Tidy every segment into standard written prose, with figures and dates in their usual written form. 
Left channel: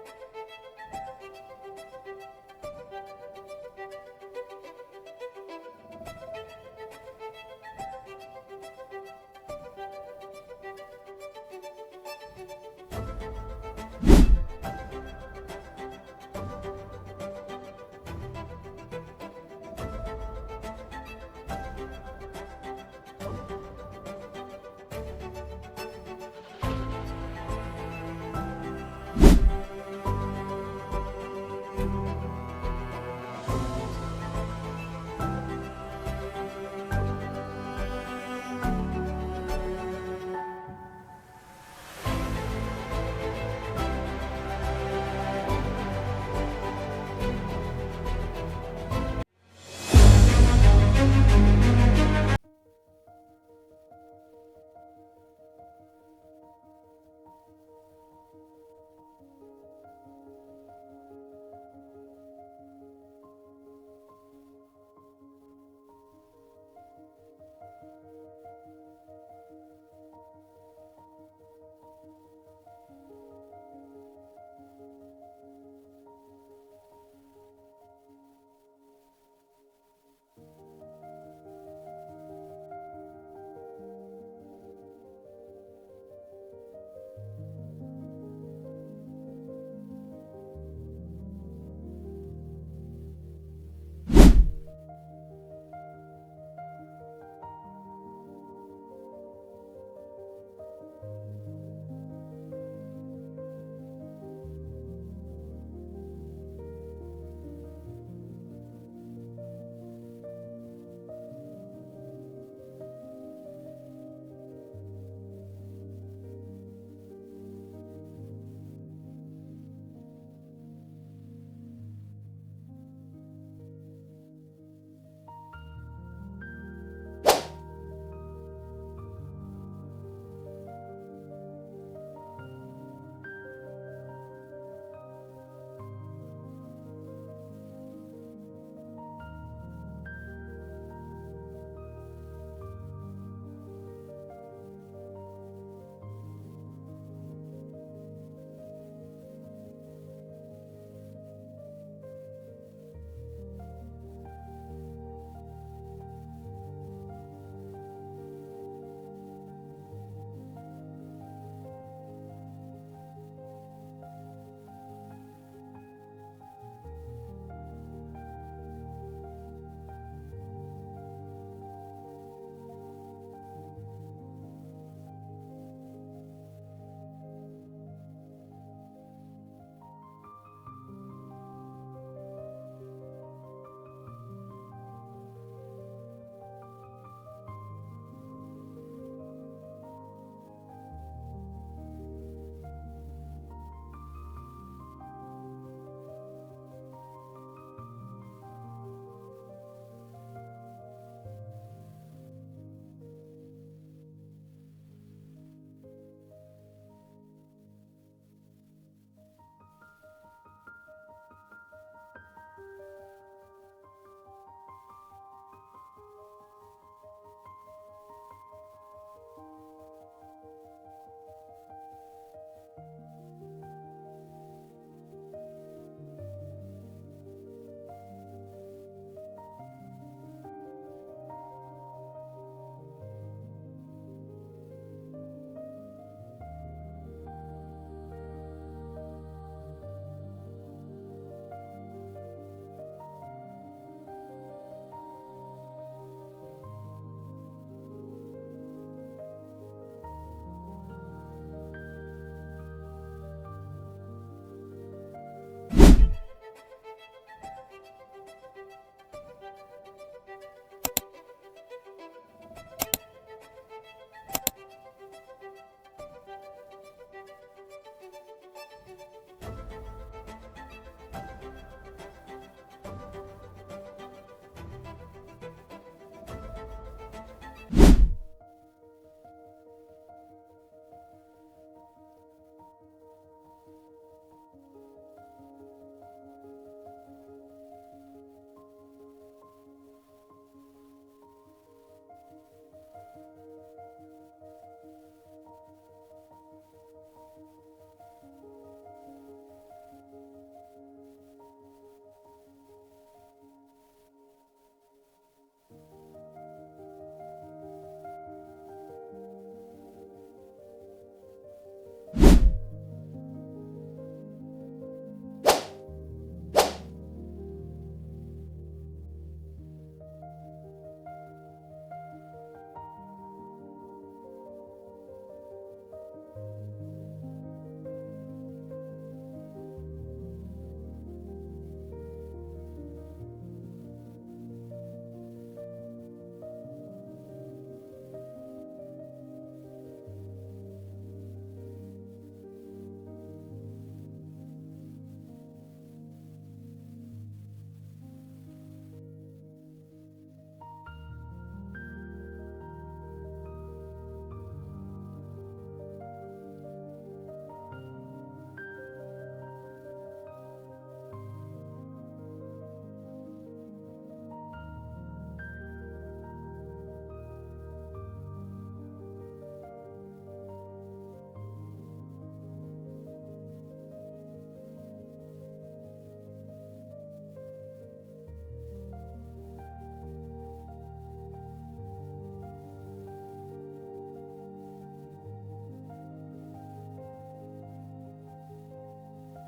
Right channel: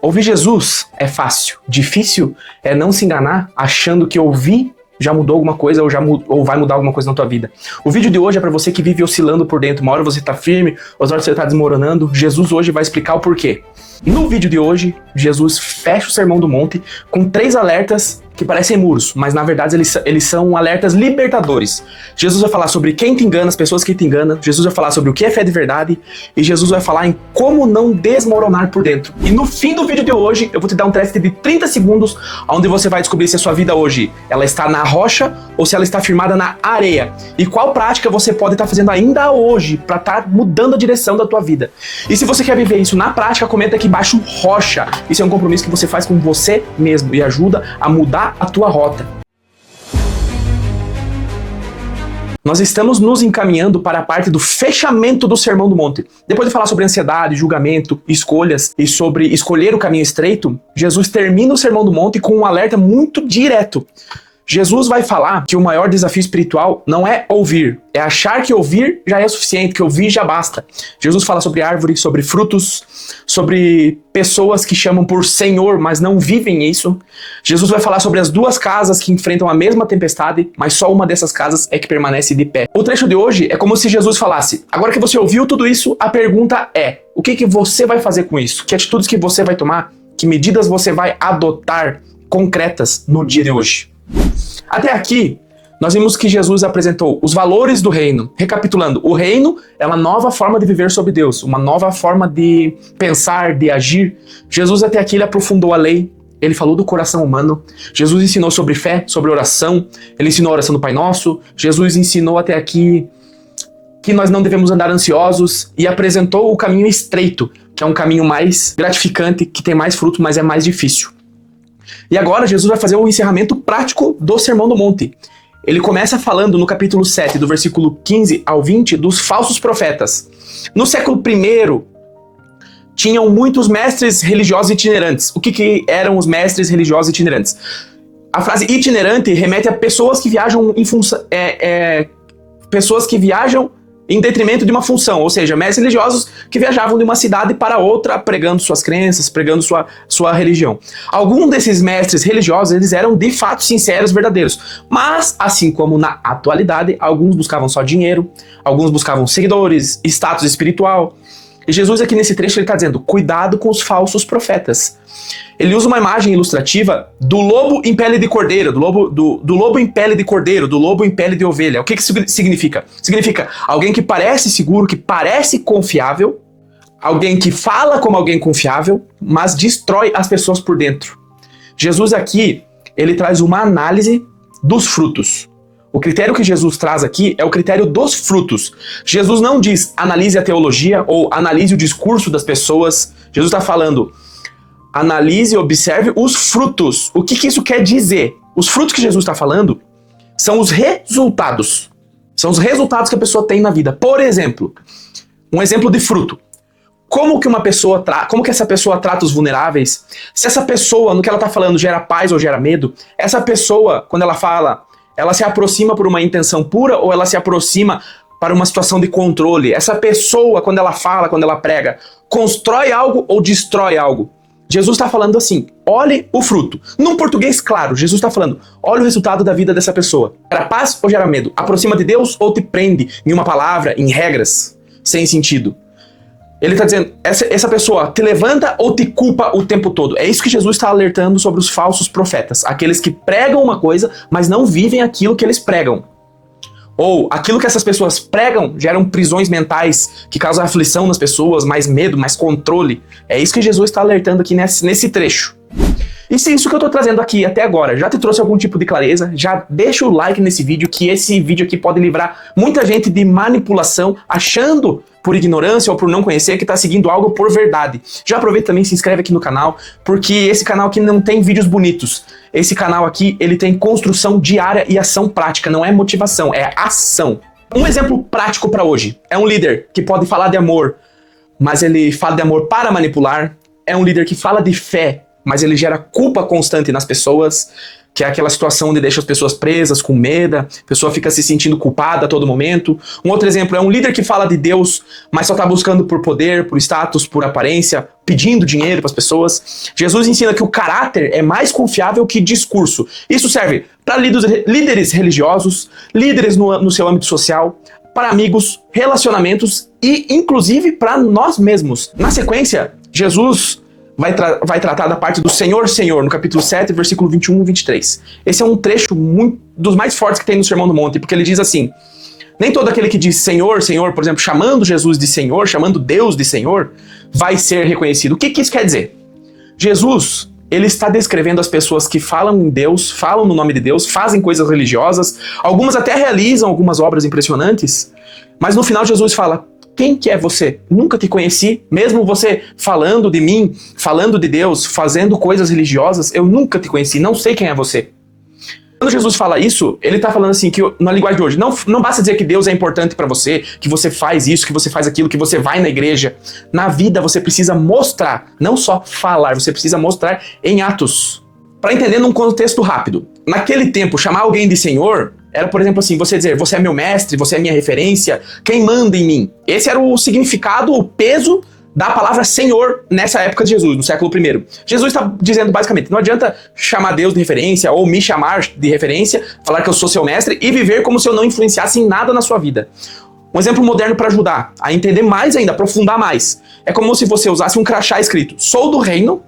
Ouvir Jesus é fácil. Difícil é não se enganar achando que ouvir já mudou alguma coisa ou vai mudar alguma coisa na tua vida. O vídeo de hoje é para você que vive oscilando por dentro. Uma hora você tá firme, outra hora você tá desmoronando. Jesus hoje vai explicar o porquê. No vídeo de hoje, Jesus fecha o Sermão do Monte com 3 alertas que parecem muros, mas na verdade eles são alertas libertadores. Jesus vai falar sobre quem te engana, as pessoas que te enganam. Jesus vai falar sobre o que é fé de verdade. E Jesus vai falar em como não desmoronar por dentro. E no fim do vídeo de hoje, eu vou te dar um teste de 30 segundos, onde você vai descobrir se a sua vida hoje ela está na rocha ou se ela está firmada na areia. E qual prática você pode estar fazendo ainda hoje para estar mudando a direção da tua vida. E se você quer viver isso na prática, comenta aqui embaixo rocha. Isso é um compromisso que você faz com você mesmo e ajuda a mudar a tua rota. Nós estamos nos encaminhando para a parte do fechamento do Sermão do Monte. Depois de falar sobre ansiedade, julgamento, escolhas e sobre escolher o caminho estreito, Jesus termina o Sermão do Monte com um alerta muito direto. Jesus vai falar que o maior desafio espiritual não é ouvir, é achar que ouvir já é suficiente, que ouvir já basta. Jesus fala sobre árvore, sobre frutos, sobre pessoas que chamam por Senhor, mas não vivem isso. Jesus vai falar sobre as 2 casas que enfrentam a mesma tempestade, mas só uma dessas casas é que permanece de pé. O trecho de hoje é como se Jesus falasse: agora que você ouviu tudo isso, a pergunta é: o que você vai fazer com isso? Que atitudes que você vai tomar? Que medidas você vai adotar concretas no dia de hoje? Até aqui, nós vimos que Jesus apresentou os valores do reino. Recapitulando, o reino é uma nova forma de viver sobre Deus, uma nova forma de pensar, de agir. Jesus até aqui ele aprofundou a lei, ele falou do coração humano. Jesus ensinou sobre fé, sobre oração, ele ensinou a oração do Pai Nosso. Jesus ensinou até aqui que nós não devemos andar ansiosos e apresentou o caminho estreito, que é um caminho mais gratificante, que tem mais fruto, mas é mais difícil. E agora Jesus vai fazer o encerramento prático do Sermão do Monte. Ele começa falando no capítulo 7, do versículo 15 ao 20, dos falsos profetas. No século I, tinham muitos mestres religiosos itinerantes. O que eram os mestres religiosos itinerantes? A frase itinerante remete a pessoas que viajam em função... pessoas que viajam em detrimento de uma função, ou seja, mestres religiosos que viajavam de uma cidade para outra pregando suas crenças, pregando sua religião. Alguns desses mestres religiosos, eles eram de fato sinceros, verdadeiros, mas assim como na atualidade, alguns buscavam só dinheiro, alguns buscavam seguidores, status espiritual. E Jesus aqui nesse trecho ele está dizendo: cuidado com os falsos profetas. Ele usa uma imagem ilustrativa do lobo em pele de cordeiro, do lobo em pele de cordeiro, do lobo em pele de ovelha. O que isso significa? Significa alguém que parece seguro, que parece confiável, alguém que fala como alguém confiável, mas destrói as pessoas por dentro. Jesus aqui, ele traz uma análise dos frutos. O critério que Jesus traz aqui é o critério dos frutos. Jesus não diz analise a teologia ou analise o discurso das pessoas. Jesus está falando: analise e observe os frutos. O que isso quer dizer? Os frutos que Jesus está falando são os resultados. São os resultados que a pessoa tem na vida. Por exemplo, um exemplo de fruto. Como que essa pessoa trata os vulneráveis? Se essa pessoa, no que ela está falando, gera paz ou gera medo? Essa pessoa, quando ela fala, ela se aproxima por uma intenção pura ou ela se aproxima para uma situação de controle? Essa pessoa, quando ela fala, quando ela prega, constrói algo ou destrói algo? Jesus está falando assim: olhe o fruto. Num português claro, Jesus está falando: olhe o resultado da vida dessa pessoa. Gera paz ou gera medo? Aproxima de Deus ou te prende em uma palavra, em regras, sem sentido? Ele está dizendo: essa pessoa te levanta ou te culpa o tempo todo? É isso que Jesus está alertando sobre os falsos profetas. Aqueles que pregam uma coisa, mas não vivem aquilo que eles pregam. Ou aquilo que essas pessoas pregam geram prisões mentais que causam aflição nas pessoas, mais medo, mais controle. É isso que Jesus está alertando aqui nesse trecho. E se isso que eu estou trazendo aqui até agora já te trouxe algum tipo de clareza, já deixa o like nesse vídeo, que esse vídeo aqui pode livrar muita gente de manipulação, achando por ignorância ou por não conhecer que está seguindo algo por verdade. Já aproveita também e se inscreve aqui no canal, porque esse canal aqui não tem vídeos bonitos. Esse canal aqui, ele tem construção diária e ação prática, não é motivação, é ação. Um exemplo prático para hoje é um líder que pode falar de amor, mas ele fala de amor para manipular. É um líder que fala de fé, mas ele gera culpa constante nas pessoas, que é aquela situação onde deixa as pessoas presas, com medo, a pessoa fica se sentindo culpada a todo momento. Um outro exemplo é um líder que fala de Deus, mas só está buscando por poder, por status, por aparência, pedindo dinheiro para as pessoas. Jesus ensina que o caráter é mais confiável que discurso. Isso serve para líderes religiosos, líderes no seu âmbito social, para amigos, relacionamentos e, inclusive, para nós mesmos. Na sequência, Jesus vai tratar da parte do Senhor, Senhor, no capítulo 7, versículo 21 e 23. Esse é um trecho dos mais fortes que tem no Sermão do Monte, porque ele diz assim: nem todo aquele que diz Senhor, Senhor, por exemplo, chamando Jesus de Senhor, chamando Deus de Senhor, vai ser reconhecido. O que isso quer dizer? Jesus, ele está descrevendo as pessoas que falam em Deus, falam no nome de Deus, fazem coisas religiosas, algumas até realizam algumas obras impressionantes, mas no final Jesus fala: quem que é você? Nunca te conheci, mesmo você falando de mim, falando de Deus, fazendo coisas religiosas, eu nunca te conheci, não sei quem é você. Quando Jesus fala isso, ele está falando assim, que na linguagem de hoje, não basta dizer que Deus é importante para você, que você faz isso, que você faz aquilo, que você vai na igreja. Na vida você precisa mostrar, não só falar, você precisa mostrar em atos. Para entender num contexto rápido, naquele tempo, chamar alguém de Senhor era, por exemplo, assim, você dizer: você é meu mestre, você é minha referência, quem manda em mim. Esse era o significado, o peso da palavra Senhor nessa época de Jesus, no século I. Jesus está dizendo basicamente: não adianta chamar Deus de referência ou me chamar de referência, falar que eu sou seu mestre e viver como se eu não influenciasse em nada na sua vida. Um exemplo moderno para ajudar a entender mais ainda, aprofundar mais. É como se você usasse um crachá escrito: sou do reino,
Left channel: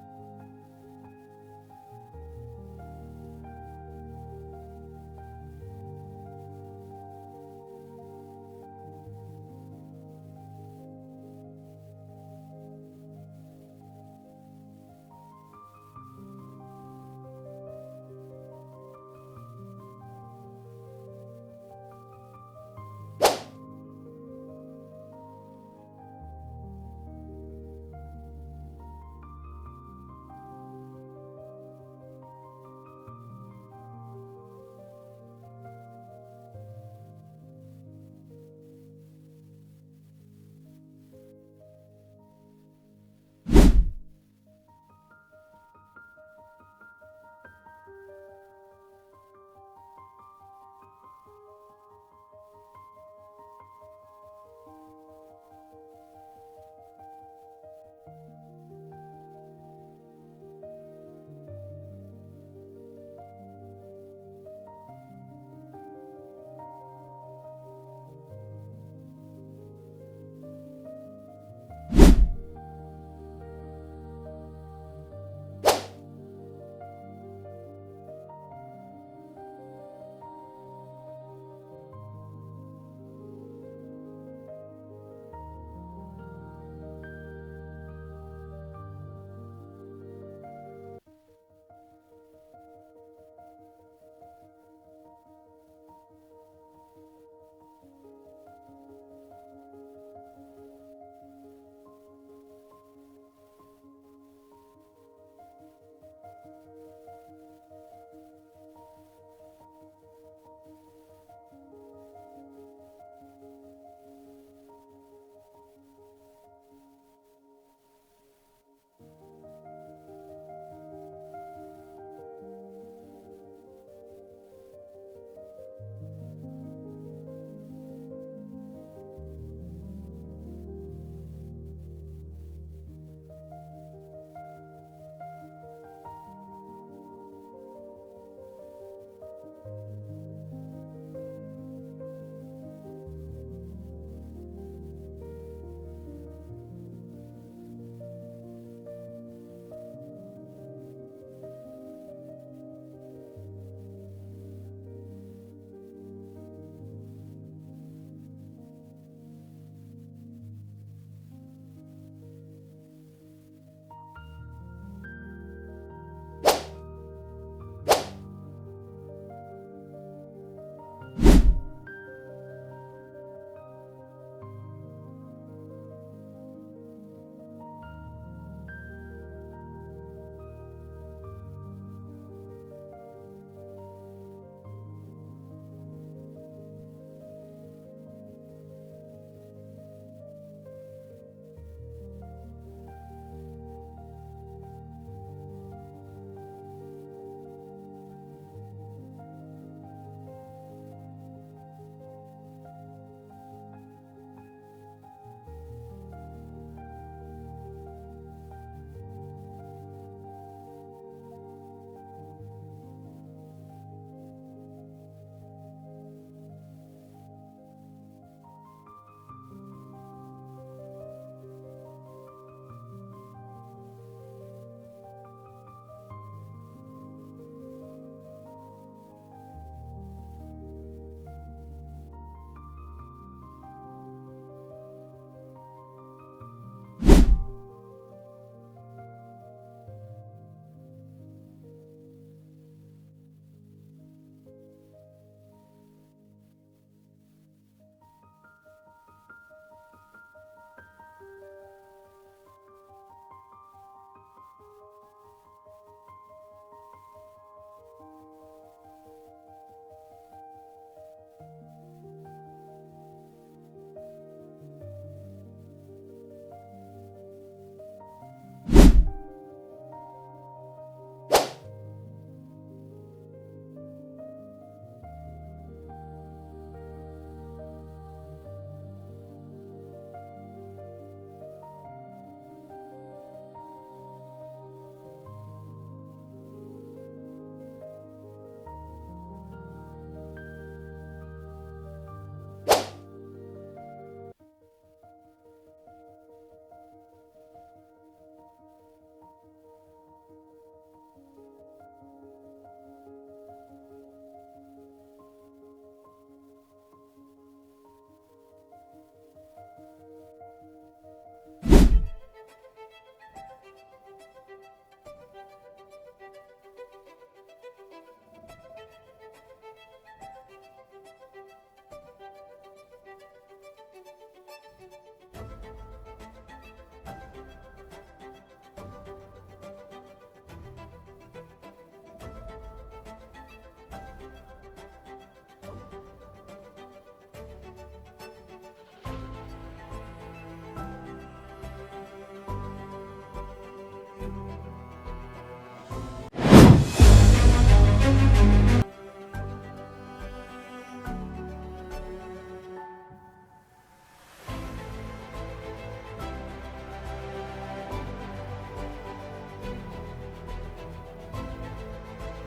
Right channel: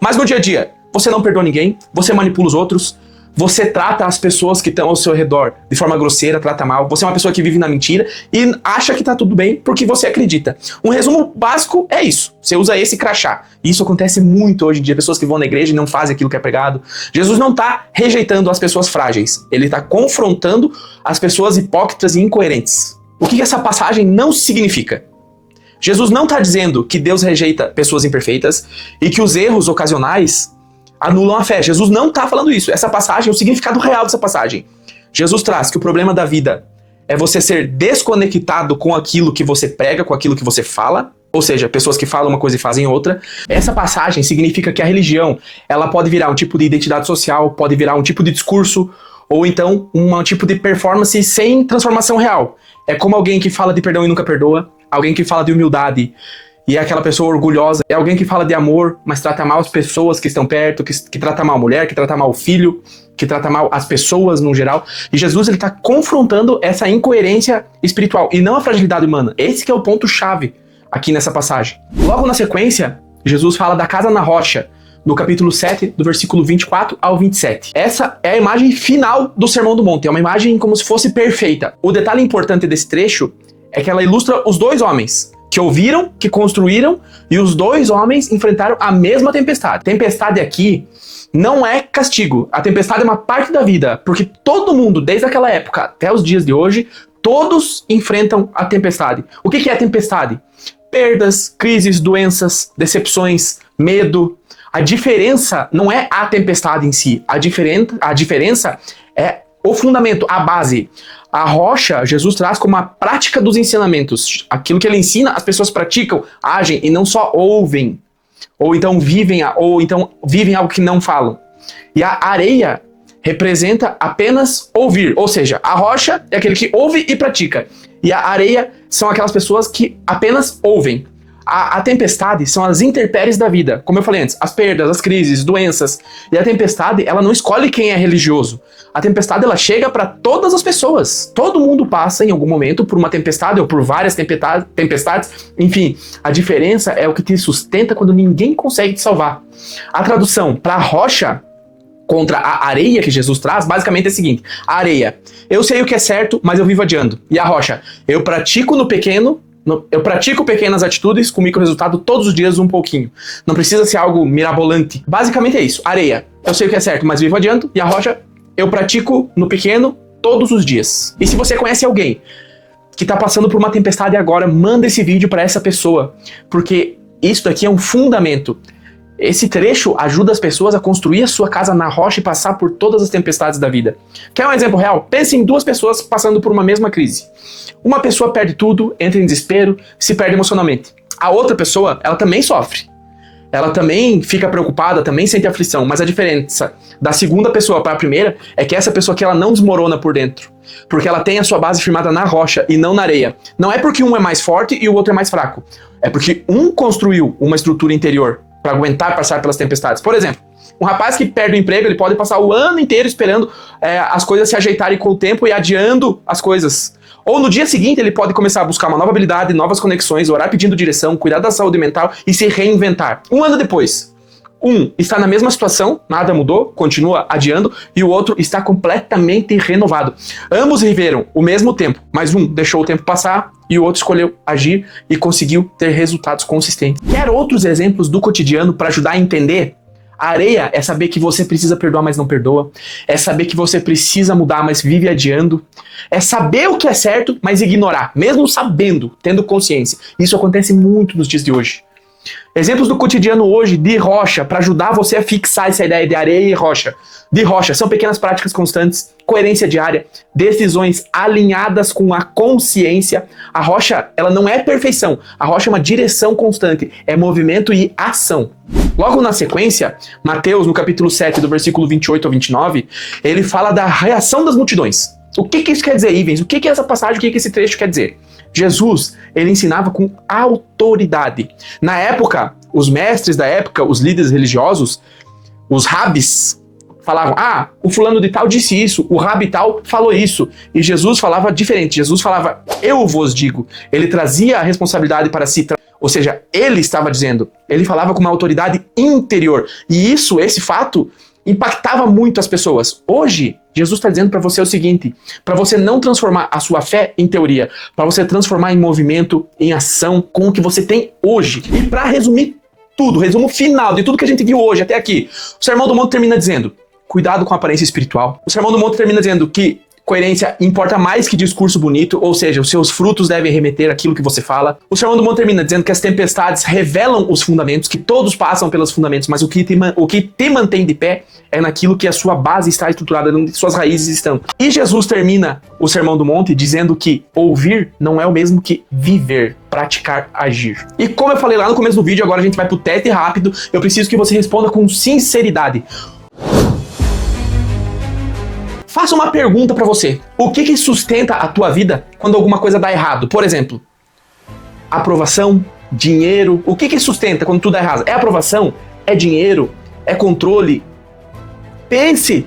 mas no dia a dia você não perdoa ninguém, você manipula os outros, você trata as pessoas que estão ao seu redor de forma grosseira, trata mal, você é uma pessoa que vive na mentira e acha que tá tudo bem porque você acredita. Um resumo básico é isso, você usa esse crachá. E isso acontece muito hoje em dia, pessoas que vão na igreja e não fazem aquilo que é pregado. Jesus não está rejeitando as pessoas frágeis, ele está confrontando as pessoas hipócritas e incoerentes. O que essa passagem não significa? Jesus não está dizendo que Deus rejeita pessoas imperfeitas e que os erros ocasionais anulam a fé. Jesus não está falando isso. Essa passagem, o significado real dessa passagem. Jesus traz que o problema da vida é você ser desconectado com aquilo que você prega, com aquilo que você fala, ou seja, pessoas que falam uma coisa e fazem outra. Essa passagem significa que a religião, ela pode virar um tipo de identidade social, pode virar um tipo de discurso, ou então um tipo de performance sem transformação real. É como alguém que fala de perdão e nunca perdoa, alguém que fala de humildade e é aquela pessoa orgulhosa, é alguém que fala de amor, mas trata mal as pessoas que estão perto, que trata mal a mulher, que trata mal o filho, que trata mal as pessoas no geral. E Jesus, ele está confrontando essa incoerência espiritual e não a fragilidade humana. Esse que é o ponto-chave aqui nessa passagem. Logo na sequência, Jesus fala da casa na rocha, no capítulo 7, do versículo 24 ao 27. Essa é a imagem final do Sermão do Monte, é uma imagem como se fosse perfeita. O detalhe importante desse trecho é que ela ilustra os dois homens, que ouviram, que construíram, e os dois homens enfrentaram a mesma tempestade. Tempestade aqui não é castigo. A tempestade é uma parte da vida, porque todo mundo, desde aquela época até os dias de hoje, todos enfrentam a tempestade. O que é a tempestade? Perdas, crises, doenças, decepções, medo. A diferença não é a tempestade em si. A diferença é o fundamento, a base. A rocha, Jesus traz como a prática dos ensinamentos. Aquilo que ele ensina, as pessoas praticam, agem e não só ouvem. Ou então vivem algo que não falam. E a areia representa apenas ouvir. Ou seja, a rocha é aquele que ouve e pratica. E a areia são aquelas pessoas que apenas ouvem. A tempestade são as intempéries da vida. Como eu falei antes, as perdas, as crises, doenças. E a tempestade, ela não escolhe quem é religioso. A tempestade, ela chega para todas as pessoas. Todo mundo passa em algum momento por uma tempestade ou por várias tempestades. Enfim, a diferença é o que te sustenta quando ninguém consegue te salvar. A tradução para a rocha contra a areia que Jesus traz, basicamente é o seguinte: a areia, eu sei o que é certo, mas eu vivo adiando. E a rocha, eu pratico pequenas atitudes com micro resultado todos os dias um pouquinho. Não precisa ser algo mirabolante. Basicamente é isso. Areia, eu sei o que é certo, mas vivo adiante. E a rocha, eu pratico no pequeno todos os dias. E se você conhece alguém que está passando por uma tempestade agora, manda esse vídeo para essa pessoa. Porque isso daqui é um fundamento. Esse trecho ajuda as pessoas a construir a sua casa na rocha e passar por todas as tempestades da vida. Quer um exemplo real? Pense em duas pessoas passando por uma mesma crise. Uma pessoa perde tudo, entra em desespero, se perde emocionalmente. A outra pessoa, ela também sofre. ela também fica preocupada, também sente aflição, mas a diferença da segunda pessoa para a primeira é que essa pessoa aqui ela não desmorona por dentro, porque ela tem a sua base firmada na rocha e não na areia. Não é porque um é mais forte e o outro é mais fraco, é porque um construiu uma estrutura interior para aguentar passar pelas tempestades. Por exemplo, um rapaz que perde o emprego, ele pode passar o ano inteiro esperando as coisas se ajeitarem com o tempo e adiando as coisas. Ou no dia seguinte ele pode começar a buscar uma nova habilidade, novas conexões, orar pedindo direção, cuidar da saúde mental e se reinventar. Um ano depois, um está na mesma situação, nada mudou, continua adiando, e o outro está completamente renovado. Ambos viveram o mesmo tempo, mas um deixou o tempo passar e o outro escolheu agir e conseguiu ter resultados consistentes. Quer outros exemplos do cotidiano para ajudar a entender? A areia é saber que você precisa perdoar, mas não perdoa. É saber que você precisa mudar, mas vive adiando. É saber o que é certo, mas ignorar, mesmo sabendo, tendo consciência. Isso acontece muito nos dias de hoje. Exemplos do cotidiano hoje de rocha, para ajudar você a fixar essa ideia de areia e rocha. De rocha, são pequenas práticas constantes, coerência diária, decisões alinhadas com a consciência. A rocha, ela não é perfeição. A rocha é uma direção constante, é movimento e ação. Logo na sequência, Mateus, no capítulo 7, do versículo 28 ao 29, ele fala da reação das multidões. O que isso quer dizer, Ivens? O que essa passagem, o que esse trecho quer dizer? Jesus, ele ensinava com autoridade. Na época, os mestres da época, os líderes religiosos, os rabis, falavam, o fulano de tal disse isso, o rabi tal falou isso. E Jesus falava diferente, Jesus falava, eu vos digo. Ele trazia a responsabilidade para si, ou seja, ele estava dizendo, ele falava com uma autoridade interior. E isso, esse fato, impactava muito as pessoas. Hoje, Jesus está dizendo para você o seguinte, para você não transformar a sua fé em teoria, para você transformar em movimento, em ação, com o que você tem hoje. Para resumir tudo, resumo final de tudo que a gente viu hoje até aqui, o Sermão do Monte termina dizendo, cuidado com a aparência espiritual. O Sermão do Monte termina dizendo que coerência importa mais que discurso bonito, ou seja, os seus frutos devem remeter àquilo que você fala. O Sermão do Monte termina dizendo que as tempestades revelam os fundamentos, que todos passam pelos fundamentos, mas o que te mantém de pé é naquilo que a sua base está estruturada, onde suas raízes estão. E Jesus termina o Sermão do Monte dizendo que ouvir não é o mesmo que viver, praticar, agir. E como eu falei lá no começo do vídeo, agora a gente vai pro teste rápido, eu preciso que você responda com sinceridade. Faça uma pergunta pra você. O que sustenta a tua vida quando alguma coisa dá errado? Por exemplo, aprovação, dinheiro. O que sustenta quando tudo dá errado? É aprovação? É dinheiro? É controle? Pense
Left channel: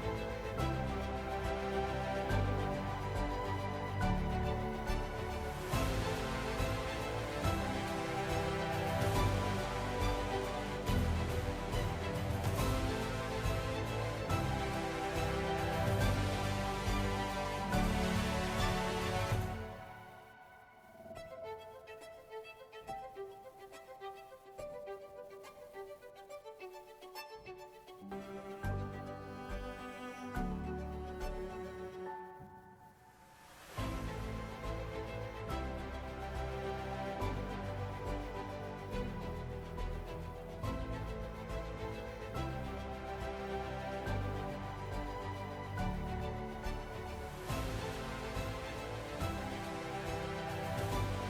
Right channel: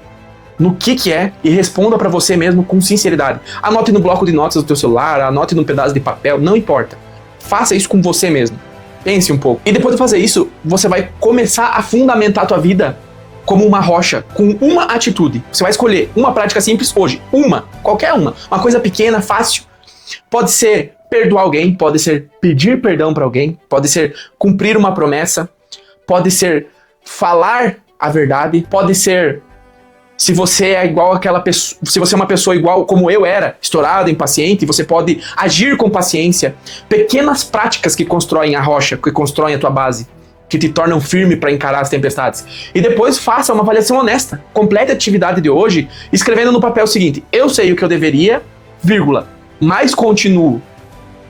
no que é e responda pra você mesmo com sinceridade. Anote no bloco de notas do teu celular, anote num pedaço de papel, não importa. Faça isso com você mesmo. Pense um pouco. E depois de fazer isso, você vai começar a fundamentar a tua vida como uma rocha, com uma atitude. Você vai escolher uma prática simples hoje, qualquer uma coisa pequena, fácil. Pode ser perdoar alguém, pode ser pedir perdão para alguém, pode ser cumprir uma promessa, pode ser falar a verdade, pode ser, se você é igual aquela pessoa, se você é uma pessoa igual como eu era, estourado, impaciente, você pode agir com paciência. Pequenas práticas que constroem a rocha, que constroem a tua base, que te tornam firme para encarar as tempestades. E depois faça uma avaliação honesta. Complete a atividade de hoje escrevendo no papel o seguinte, eu sei o que eu deveria, mas continuo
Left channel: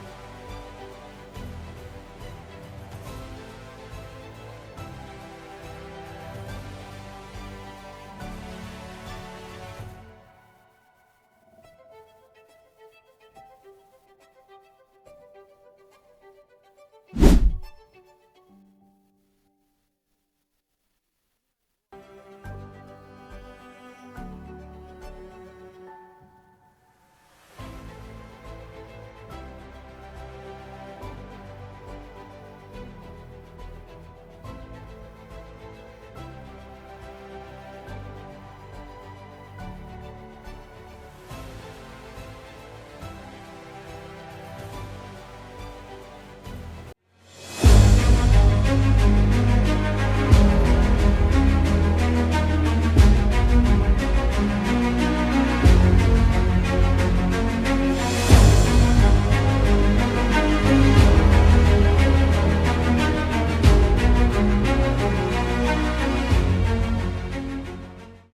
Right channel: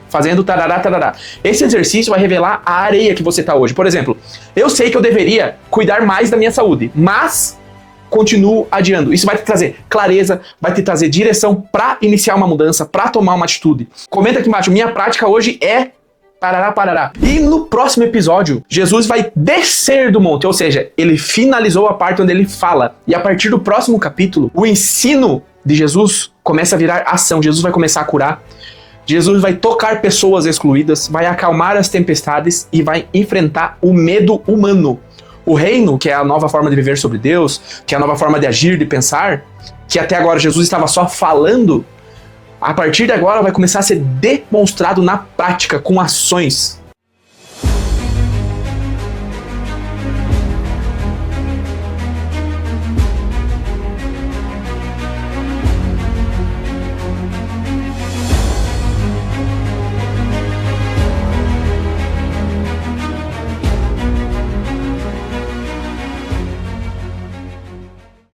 fazendo tarará, tarará. Esse exercício vai revelar a areia que você está hoje. Por exemplo, eu sei que eu deveria cuidar mais da minha saúde, mas continuo adiando. Isso vai te trazer clareza, vai te trazer direção para iniciar uma mudança, para tomar uma atitude. Comenta aqui embaixo, minha prática hoje é parará, parará. E no próximo episódio, Jesus vai descer do monte, ou seja, ele finalizou a parte onde ele fala. E a partir do próximo capítulo, o ensino de Jesus começa a virar ação. Jesus vai começar a curar. Jesus vai tocar pessoas excluídas, vai acalmar as tempestades e vai enfrentar o medo humano. O reino, que é a nova forma de viver sobre Deus, que é a nova forma de agir, de pensar, que até agora Jesus estava só falando, a partir de agora vai começar a ser demonstrado na prática, com ações.